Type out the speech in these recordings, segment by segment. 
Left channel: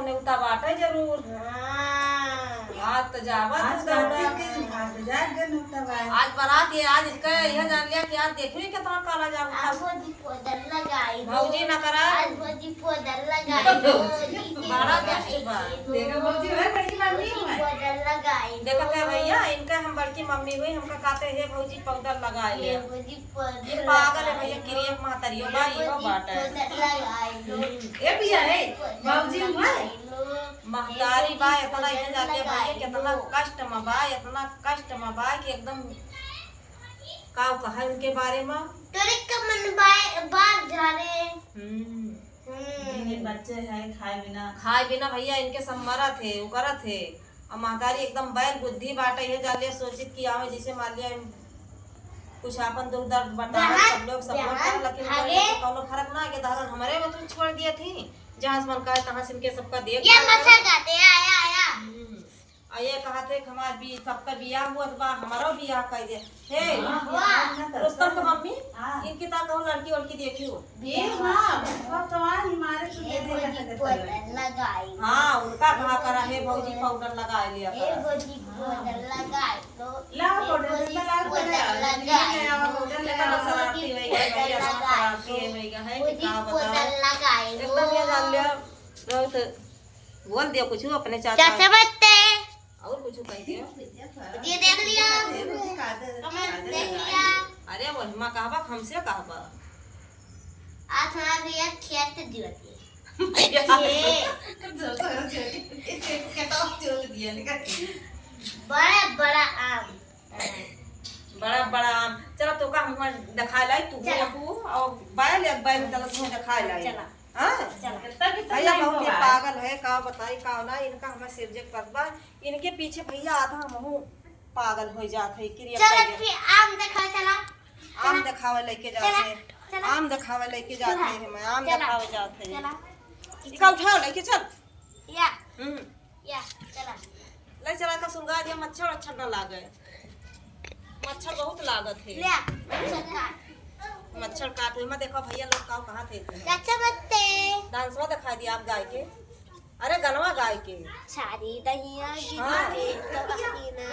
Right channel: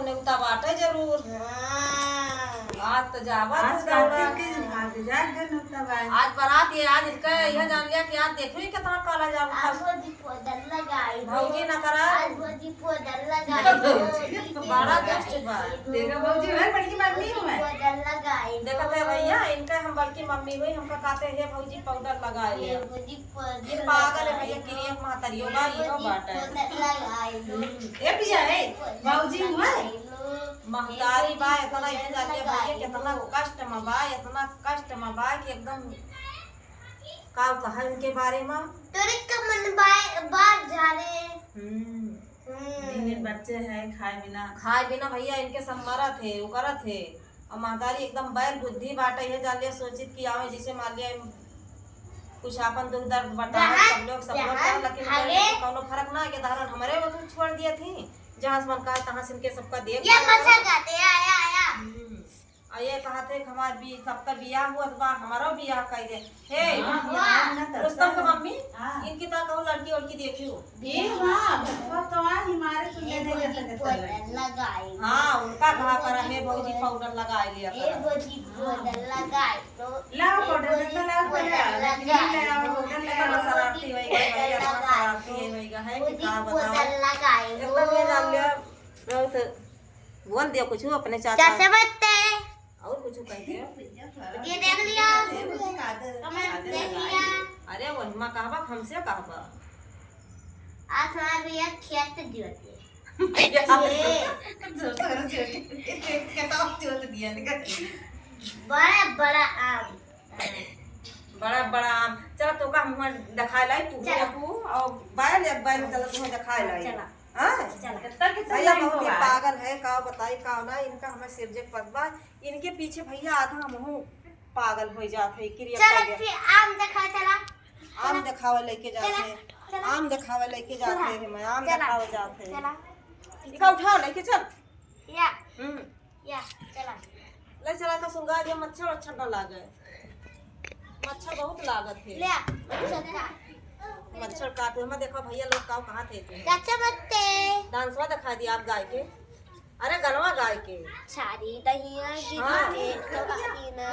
तो नेवता बाटे जरूर। आज तो जावा आज बारात ये आज इनका यह जान लिया कि आज देखो कितना काला जाऊंगा। भौजी न करा बड़ा दोस्त बा। देखा थे भैया इनका हम बड़की मम्मी हुई हमका कहते है भौजी पाउडर लगाए ले। ये पागल है भैया क्रिया महतरियो बा इहो बाटे। ए भैया है भौजी हुआ महतारी बा इतना ये जान लिया भैया कितना कष्ट में बा इतना कष्ट में बा कि एकदम का कहा इनके बारे में तेरे का मन बाहर जा रहे बच्चे हैं खाए बिना भैया इनके सम्मरा थे उकरा थे और महतारी एकदम बैल बुद्धि बाटे है जान लिया सोचित कि आवे जिसे मान लिया कुछ अपन दुख दर्द बता सब लोग सपोर्ट कर लेकिन कोनो फर्क ना के धारण हमारे वो तो छोड़ दिया थी जहां से मन का तहां से इनके सबका देख ये मच्छर खाते आया और ये कहते हमार भी सबका बियाह हुआ बा हमारा बियाह कर दे हे रुस्तम का मम्मी इनकी ता कहो लड़की लड़की देखियो ये हां तो हमारे तो दे लगाई हां उनका कहा करा है भौजी पाउडर लगा लिया ये भौजी पाउडर लगाई तो ला पाउडर लगाई कितना शरारती है भैया शरारती है भैया है कि का बताओ लगाई एकदम ये जान लिया बहुत बोल दियो कुछ अपने चाचा बत्ते और कुछ कह दियो ये देख लिया कमेंट देख लिया अरे वही मां कहबा हमसे कहबा आज हमारा भैया खेत दियोती बड़ा बड़ा आम बड़ा बड़ा आम चलो तो का मुंह दिखा लाई तू और बैल एक बैल चलो तुम्हें दिखा लाई हां भैया बहुत ये पागल है का बताई का ना इनका हमें सिरजेक पतबा इनके पीछे भैया आधा मुंह पागल हो जात है क्रिया चलो फिर आम दिखा चला आम दिखावे लेके जाते आम दिखावे लेके जाते हैं मैं आम दिखावे जाते हैं चला इका उठाओ लेके चल या या चला ले चला का सुंगा दिया मच्छर अच्छा न लागे मच्छर बहुत लागत है ले मच्छर काटे में देखो भैया लोग काव कहां थे चाचा बत्ते डांसवा दिखा दिया आप गाय के अरे गनवा गाय के सारी दहिया गिरी तो ना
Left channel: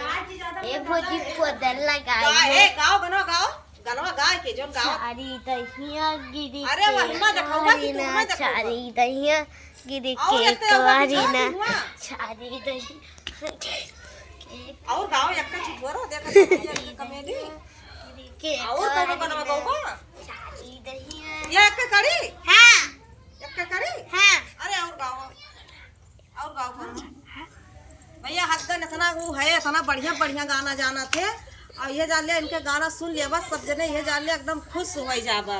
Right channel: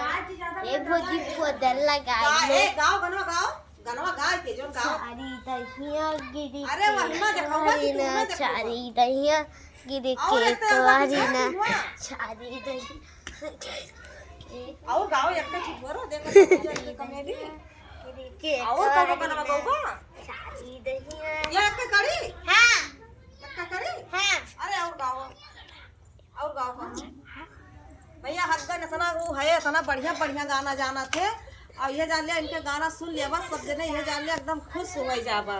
ए भौजी पाउडर लगाई ए गाओ गनवा गाय के जो गाओ सारी दहिया गिरी अरे वहिमा दिखावा कि तू में दिखावा सारी दहिया गिरी के कवारी ना सारी दहिया और गाओ एक का ठीक करो देखो ये कॉमेडी के और कौन गनवा गाओ को सारी दहिया ये एक का करी हां एक का करी हां अरे और गाओ भैया हकन इतना वो है इतना बढ़िया बढ़िया गाना जाना थे और ये जान लिया इनके गाना सुन लिया बस सब जने ये जान लिया एकदम खुश हो गई जाबा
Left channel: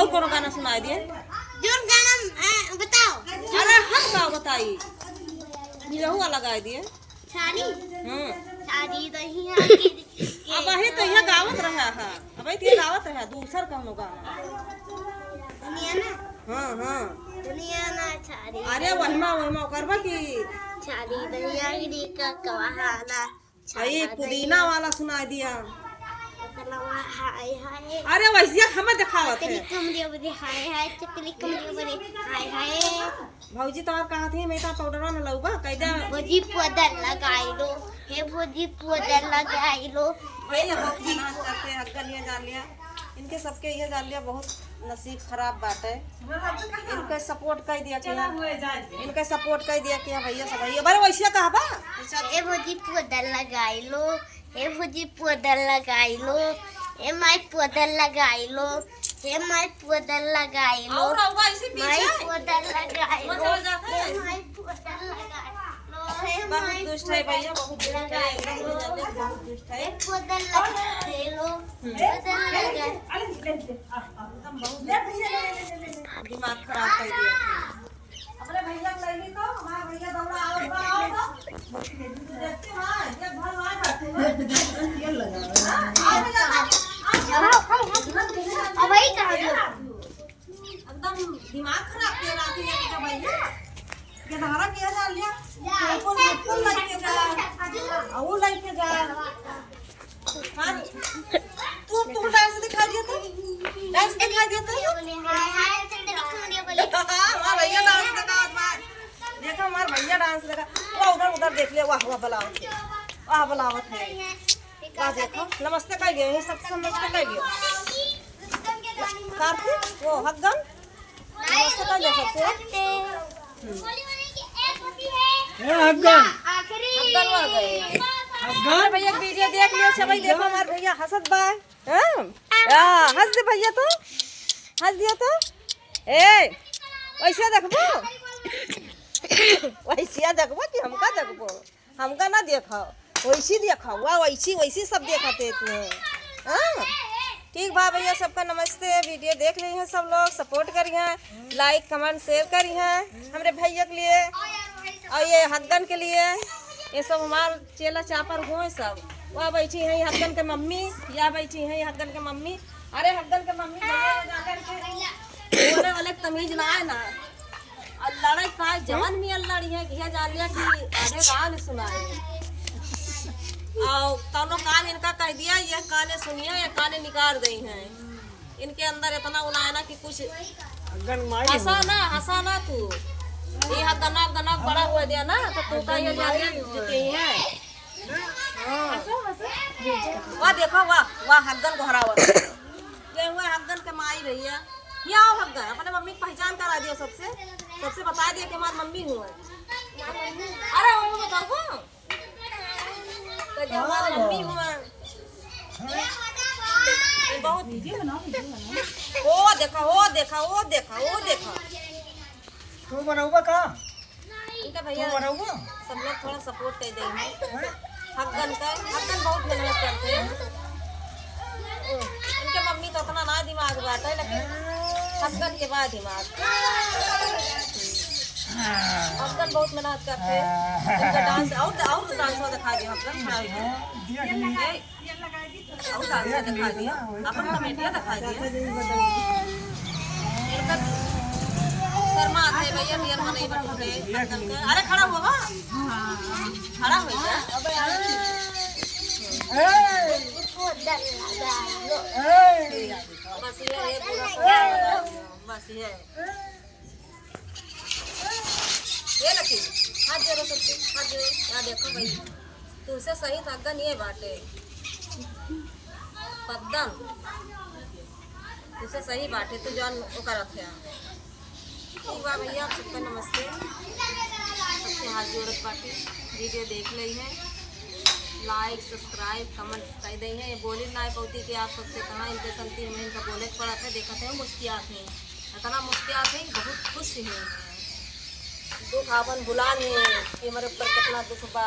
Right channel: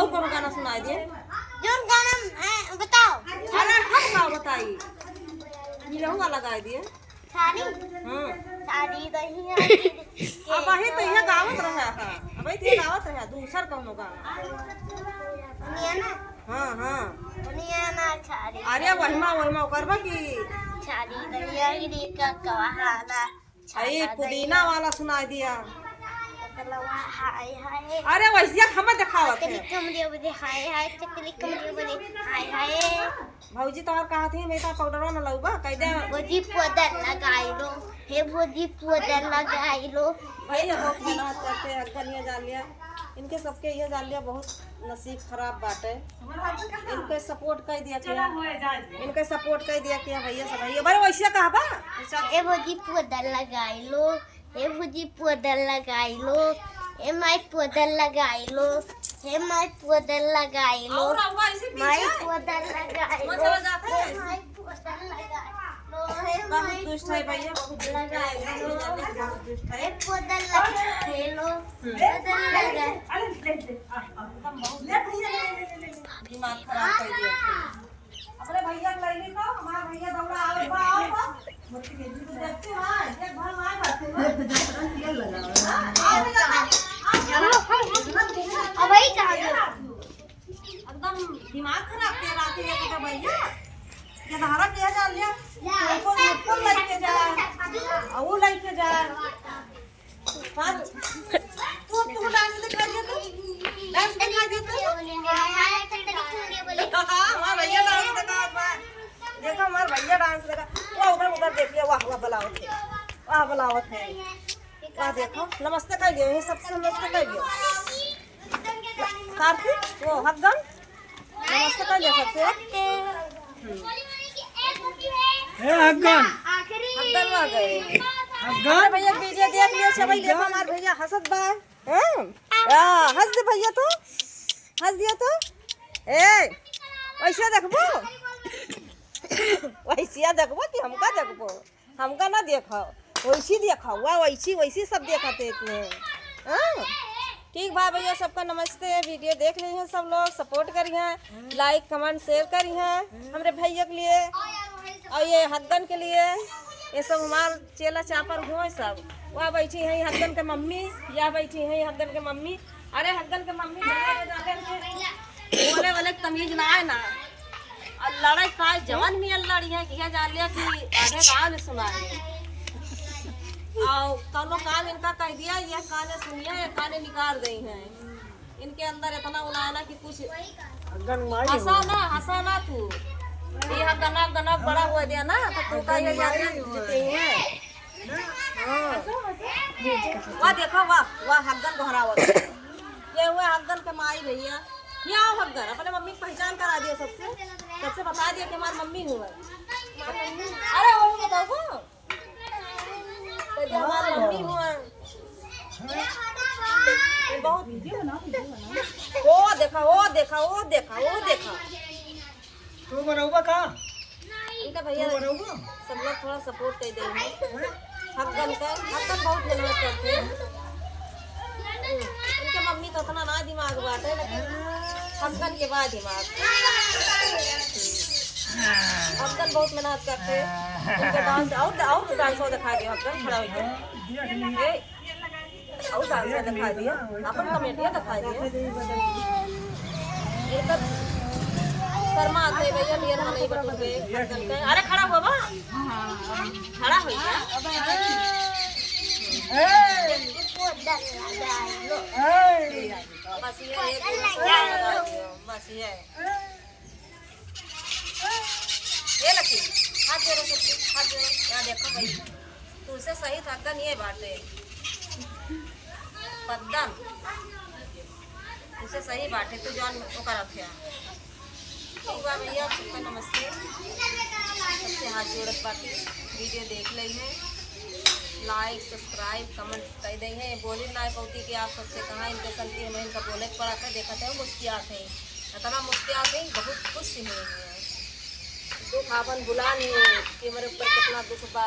और कौन गाना सुनाई दिए जोन गाना बताओ अरे हम गाओ बताई ये हुआ लगाई दिए सारी सारी दहिया गिरी अब वही तो यहाँ गावत रहा है अब ये गावत रहा दूसर कौन गाना दुनिया ना हां दुनिया ना सारी अरे वहीमा करबा की सारी दहिया गिरी का कवाहाना आई पुदीना वाला सुनाई दिया कलवा हाय हाय अरे वैसे हमें दिखावत चकली है कमरिया बने हाय हाय चकली कमरिया बने हाय हाय भौजी तोहर कहा थे मैं ता पाउडरवा न लउगा कह दे भौजी पाउडर लगाई लो हे भौजी पाउडर लगाई लो भैया बहुत गाना चलते हकन ये जान लिया इनके सबके ये जान लिया बहुत नसीब खराब बाटे इनके सपोर्ट कर दिया कि इनके सपोर्ट कर दिया कि भैया सब भैया बड़े वैसे कहबा ए भौजी पाउडर लगाई लो हे भौजी पाउडर लगाई लो हे माई पाउडर लगाई लो हे माई पाउडर लगाई लो और हुआ इसी माई पीछे पाउडर लगाई लो चला जाता है हे माई पाउडर लगाई लो हे बहुत माई दुष्ट है भैया बहुत दुष्ट है एकदम ये जान लिया बहुत दुष्ट है पाउडर लगाई लो पाउडर लगाई एकदम बहुत दिमाग खराब कर दिया अपने भैया को ले लो हमारा भैया दौड़ा आओ देखते हैं एक भर मार करते हैं अब भाई कहां गए एकदम दिमाग खराब कर रहा थे ये बेटा भैया ये धारा किया जा लिया ऊपर लेके जा और लेके जा तू डांस दिखा दिया तो डांस दिखा दिया तो हाय हाय चंदनी कमरिया बोले हां भैया डांस दिखा देखो हमार भैया डांस लगा वो उधर उधर देख लिया वाह वाह बलावत है वाह बलावत है वाह देखो नमस्ते कर लियो यही सबसे नमस्ते कर लियो कार्तिक वो हगन नमस्ते कर लियो सबसे हगन हगन आ गए अरे भैया वीडियो देख लियो सभी देखो हमारे भैया हंसत बा हां हंस दे भैया तो हंस दिया तो ए वैसे देखबो वैसे देखबो कि हमका देखबो हमका ना देखो वैसी देखो वाह वैसी वैसी सब देखते तू हाँ ठीक बा भैया सबका नमस्ते वीडियो देख रही हैं सब लोग सपोर्ट करिए लाइक कमेंट शेयर करिए हमारे भैया के लिए और ये हगन के लिए ये सब हमार चेला चापर हुए सब वहाँ बैठी है हगन के मम्मी या बैठी है हगन के मम्मी अरे हगन के मम्मी बोले वाले तमीज ना है ना और लड़ाई पाए जवान में लड़ी है कि जान लिया कि आधे गाँव ने सुना है और कौनो काम इनका कह दिया ये काने सुनिया ये काने निकाल गई हैं इनके अंदर इतना उनाया ना कि कुछ हंसा ना तू ये गना गना बड़ा हुआ दिया ना तो तू का ये जाने जीते हैं हाँ वाह देखो वाह वाह हगन को हरावत ये हुए हगन के माई भैया ये आओ हगन अपने मम्मी की पहचान करा दियो सबसे बता दिया कि हमारी मम्मी हुआ अरे वो बताओ तो जो हमारी मम्मी हुआ बहुत वो देखा तू बनाऊबा का इनका भैया सब लोग थोड़ा सपोर्ट कर देंगे हगन बहुत मेहनत करते हैं इनके मम्मी तो उतना ना दिमाग बात है लेकिन हगन के बाद दिमाग हगन बहुत मेहनत करते हैं इनका डांस और डांस दिखा दिया हगन खड़ा होकर और डांस दिखा दिया अपन कमेटियाँ दिखा दिया इनका शर्मा आते भैया नियर में नहीं बैठोगे अरे खड़ा हुआ बा खड़ा हो जा बस ये बस ये लकी हाथ जोड़ो सबके हाथ जोड़ो यार देखो भाई तुझसे सही थकन ये बाटे पद्दन तुझसे सही बाटे तू जान ओकर रखिया ठीक बा भैया आप सबका नमस्ते सबसे हाथ जोड़त बाटे वीडियो देख ली है लाइक सब्सक्राइब कमेंट कर दी है बोली ना पौती कि आप सबसे कहाँ इनके संती हमें इनका बोले पड़ा था देखा थे मुस्कियात हैं इतना मुस्कियात हैं बहुत खुश हुए हैं दुख आपन बुला नहीं है कि हमारे ऊपर कितना दुख बा